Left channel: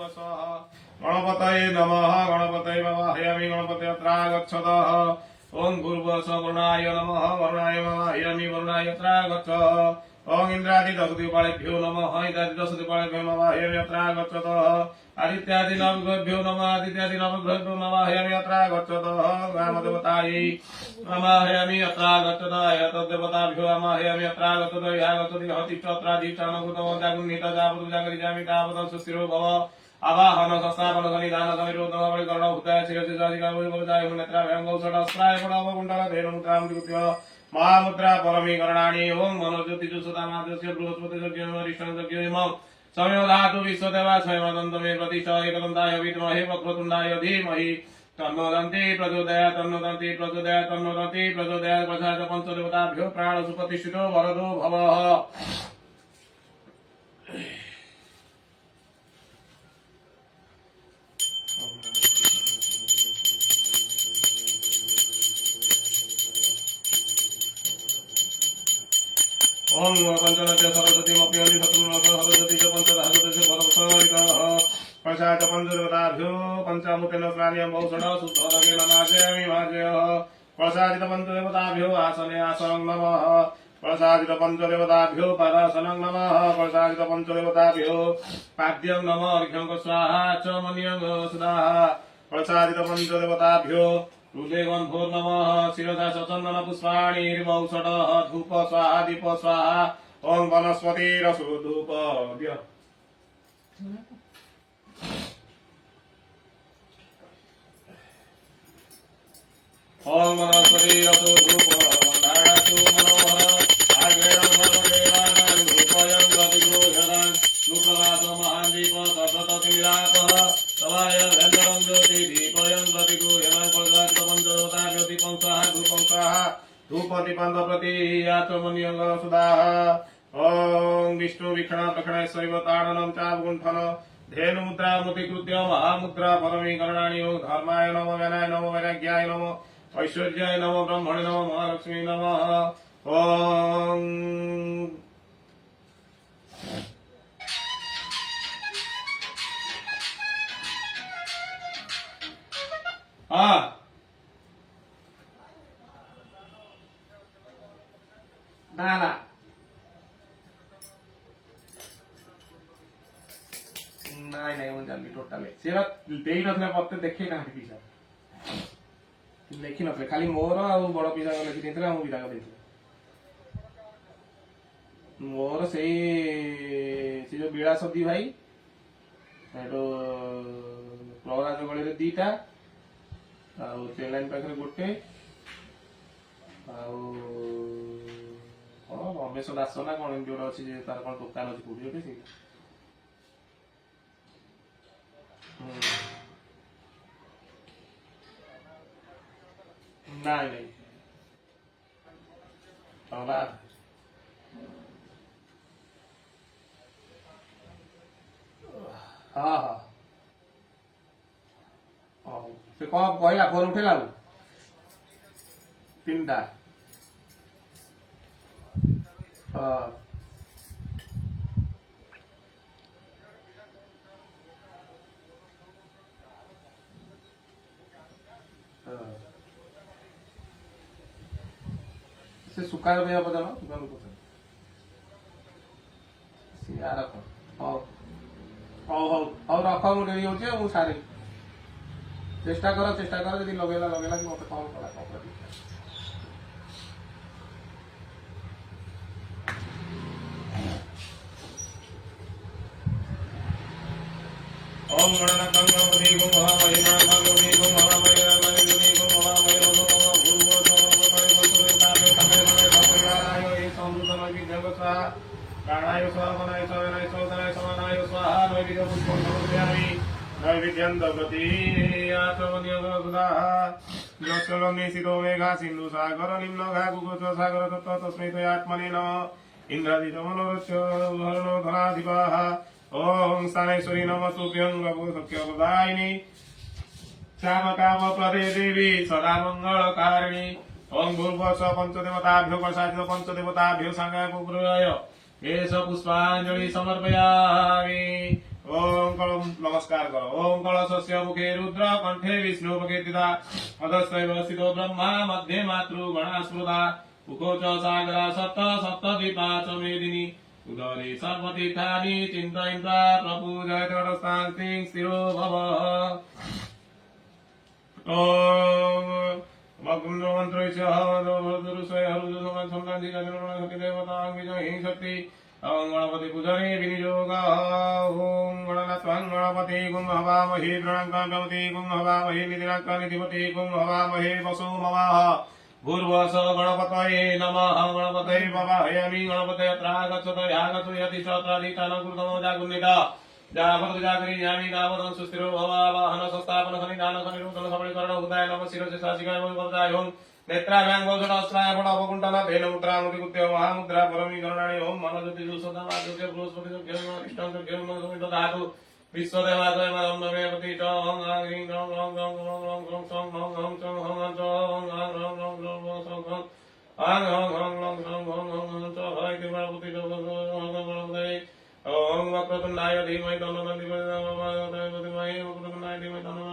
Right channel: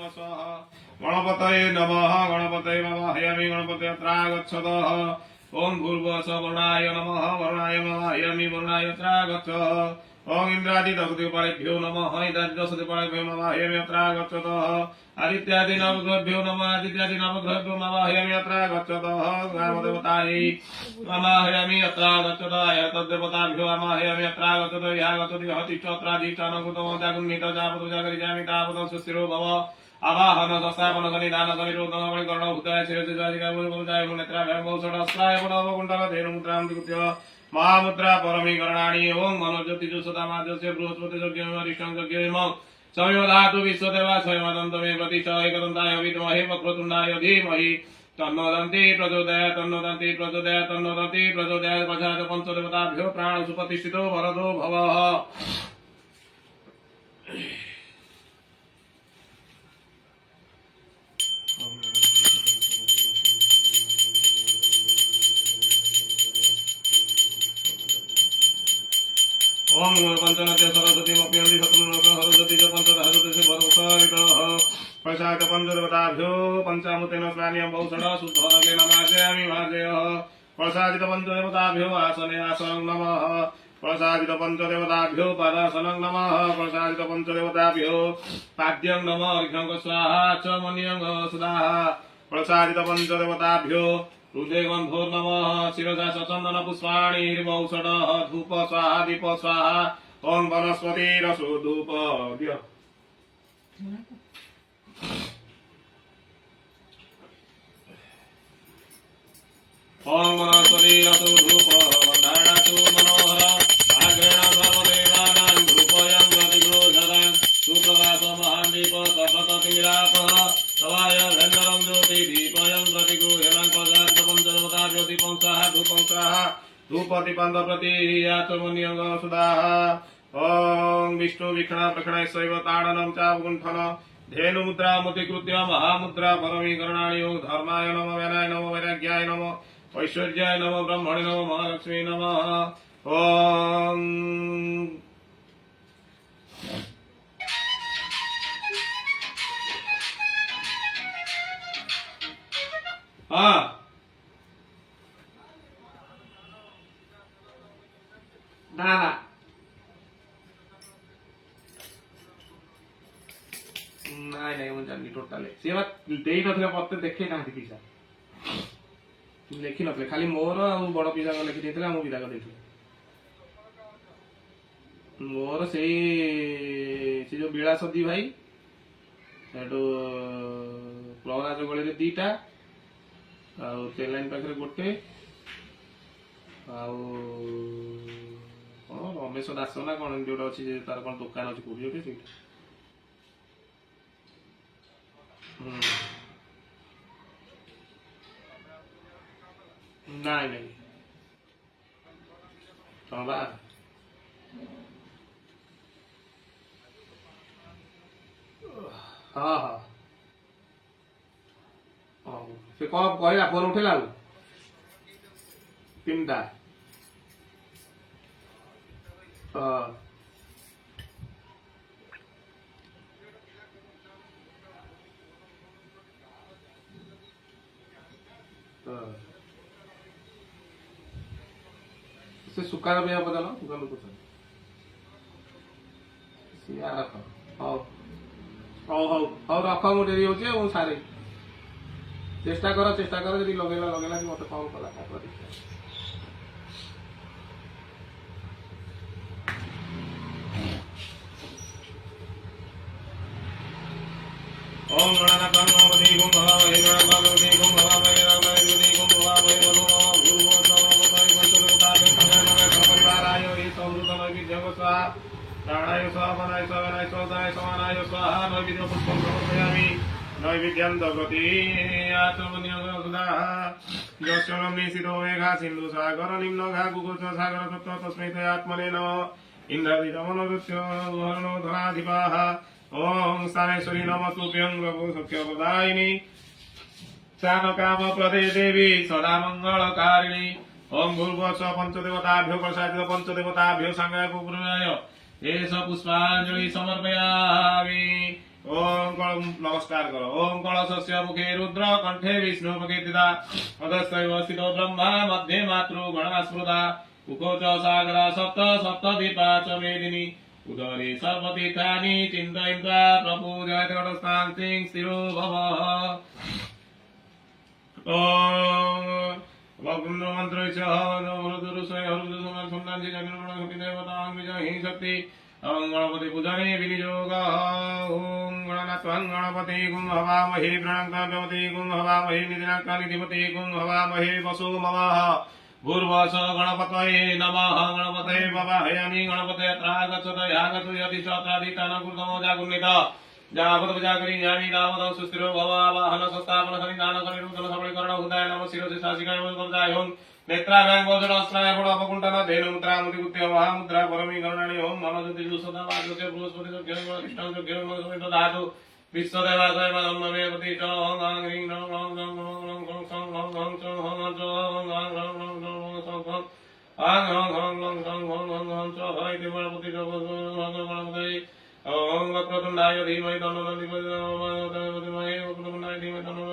गणपतये नमः गणपतये वाहयामि गणपतयत्रागच्छतः ओम भूर्भुवस्सुः वरुणाय नमः वरुणाय वाहयामि वरुणायत्रागच्छ ओम इंद्रादिदशदिक्पालेभ्यो नमः इंद्रादिदशदिक्पालेभ्यो वाहयामि यत्रागच्छतः आदित्यादि नवग्रहेभ्यो नमः आदित्यादि नवग्रहेभ्यो वाहयामि यत्रागच्छतः ग्रामदेवतायै वाहयामि यत्रागच्छतः तद्देवताभ्यो वाहयामि यत्रागच्छतः यागच्छति हतिश्चत्रादिष्टानभूतमोदागुण्डितजापदुजागरिजामि तावत् सुस्थिरो भव आवाहन संस्थापन सन्निधान समिरोधन बलिकरण भूताय शिरसिजाय मुनेत्राभ्यां गौषडस्त्राय पुनवकुण्डल धेनुमुद्रां विकृत्य महामुद्रा परमीकरणानि ओं मनोज्योतिजुसुतामाद्यस्य बृहस्पतिजज्ञरिष्टं जज्ञेम संयोधातु विश्वदेवा स्वयमदन्तमे प्रतिष्ठ एकदन्ताय विद्महे वक्रतुण्डाय धीमहि तन्नो दन्ति प्रचोदयात् तन्नो दन्ति प्रचोदयात् तन्नो दन्ति प्रचोदयात् प्रजात पंचदेवताभ्यो प्राणसुप्रतिष्ठितो वरदो भवः ओम पंचनते सरस्वती मप्यन्ति शत्रुनः सरस्वती च पंचदशते वरवसरितः पश्चात् पंचदेवताभ्यो पंचामृतेन स्नानीयं बहुषड शुद्धरकेन मार्जयामि मार्जयः प्रसादित पंचदेवताभ्यो आसने आसनं नमः प्रसादित पंचदेवताभ्यो पादासनं नमः प्रसादित पंचदेवताभ्यो पाद्यं नमः अर्घ्यं स्वाहा च मन्यं सुधाः प्रसादित पंचदेवताभ्यो हृदयगन्धोर् नमः शिरसा सचन्दन पुष्पाणि हिरवौषधः धूप स्वाहा दीप स्वाहा ओं वनस्पतिरसो धूप ओं वनस्पतिरसो धूप वन्दारसो मनोहर आग्रेण सर्वदेवानां धूपयं गतिगोचरं सुप्रभात महान् दीप सतततिरापः तवाय धन्यरं ज्योति दीपयं गतिगोचरं धूपदीपं प्रति यात्रमन्यं सुधाः ओं विष्णु विक्षण प्रक्षण शैव ताडनं चावगुण्ठन धेनुमुद्रा मुद्रीकृत्य महामुद्रा परमीकरणानि योग धर्माय नमः वैनाय नमः वैराग्याय नमः ऐश्वर्याय नमः ब्रह्मणे नमः महालक्ष्मी नमः ओं हाँ ना ना ନାଇଁ ନାଇଁ ମୁଁ ଜାଣିନି ଟୋଟାଲି ସେ ବା ଦେଇ ନଥିଲେ ମତେ ଦେଖେଇ ନାହାନ୍ତି ପିସା ଲେଖି ନଥିଲେ ଖାଲି ମୋର ଆଉ ବଡ ପିସାଙ୍କ ଲେଖି ଦେଇଥିଲେ ଆଉ ମୁଁ ବିଦାକ ଦେଇଥିଲି ମୋର ସେଇ ସେ ଯୋଉ ବିଳାସ ଦି ଭାଇ ସେଠୁ ପ୍ରହରାଜ ଗଳିରେ ଦିଟା ଆଉ ଟ୍ରେନ୍ ଲାଇନ୍ ପାଖରେ ଗୋଟେ ଆଉ କଣ ରମେଶ ଦାସ ନା କଣ ଏମିତି ଗୋଟେ ଅଛି ଯେ ତାର କଣ ଦୋକାନ ଅଛି କୋଉଠି ଗୋଟେ ସେଇଟା ନାଇଁ ନାଇଁ ହଁ ବା ହଁ ହଁ ହଉ ସେ କଣ କହିଲା ଫୋନ ଉଠେଇଲା ଆଉ ତିନିଟା ହଁ से सुकार में पचान सुकार पचान सिया रख हौ हौ हौ हौ रख मु डेरी होचे मु सारे चेष्टा कर यदि लगेला लगेला कि मत कॉल कला कॉल देखिया ओम गणनाथं नमोति गुं भवामहे नमोति गुं भवामहे नमोति गुं भवामहे नमो गुरुवो सर्वोपरि गुरुदेवताभ्यो संगणने सपरिवाराय ये समृद्धमय जगत्सा प्राणाय स्वामनाय स्वामनाय स्वामनाय समानाय स्वाहा नैवेद्य पुष्पं समर्पयामि नैवेद्यं दगति आत्मनियोग सुधाः यस्यं निशितो मेघा सिन्धु सागर निम्न घा गुगोच सागर तत्त्व तस्मै तयात्मने नमः इंद्रादितमनोरुच्य वर्णो धनाधिपाः ओं स्थानेश्वरी नमस्तुभ्यं गगुसख्यप्रदायिनी श्यामकामप्रदे देवी सदा मंगलकारिणी ओं भूर्भुवस्सुः पंचदेवताभ्यो प्रसादित पंचदेवताभ्यो सांगाय पुराय देश पुष्पांजलि समर्पयामि ओं नमस्कार करो। ओम कलशस्य मुखे रुद्र कंठे विष्णु प्रकीर्तिता अधस्तैव स्थितो ब्रह्मा मध्ये मातृगणा स्मृता मुखो च सागरा सप्त सप्तदीपा च मेदिनी उदरे सर्वतीर्थानि चिन्तयन्त्वा प्रपूजय तटस्थां तिं स्थिरो भव। ओम भगवन्तो मन्त्रस्य हवनोरुसय हरुदुसमं संतांति जगन्मणशक्ति देवतां विजयी शक्ति ओम गणपति पूजने विनियोगः। ओम गणनाथं गणपति गुं हवामहे प्रणङ्कामति गुं हवामहे निधिनाकानिधिपति गुं हवामहे वसो ममाः भूर्भुवः गणपतये नमः। गणपतये भवामि गणपतये अत्र गच्छत या गच्छति यदि चत्रादितान कुर्तमो जागुन्नित जावत जागरि यानि दावतं सुस्थिरो भवावाहन संस्थापन सन्निधान सनिरूपण सबलीकरण उदय नमः शिरसे शासिकाय वरदाय ओम नेत्राभ्यां भोजनास्त्राय फलपकुण्ठन धेनुमुद्रा मुदिकुत्य महामुद्रा परमी गरुणानि ओम मनोज्योति जुसदा वाजुके बृहस्पति जोग्यं कृष्णं जोग्यं समितधातु विश्वदेवाय नमः पति च ओम आं ह्रीं रं रं रं रं रं रं सं हं हं चं हं हं च ओम आं रं रं रं रं सं हं आं हं हं रं सं हं हं हं च हं इति गणपति गणपति ओम वक्रतुण्डाय धीमहि तन्नो धीमहि वक्रतुण्डाय धीमहि तन्नो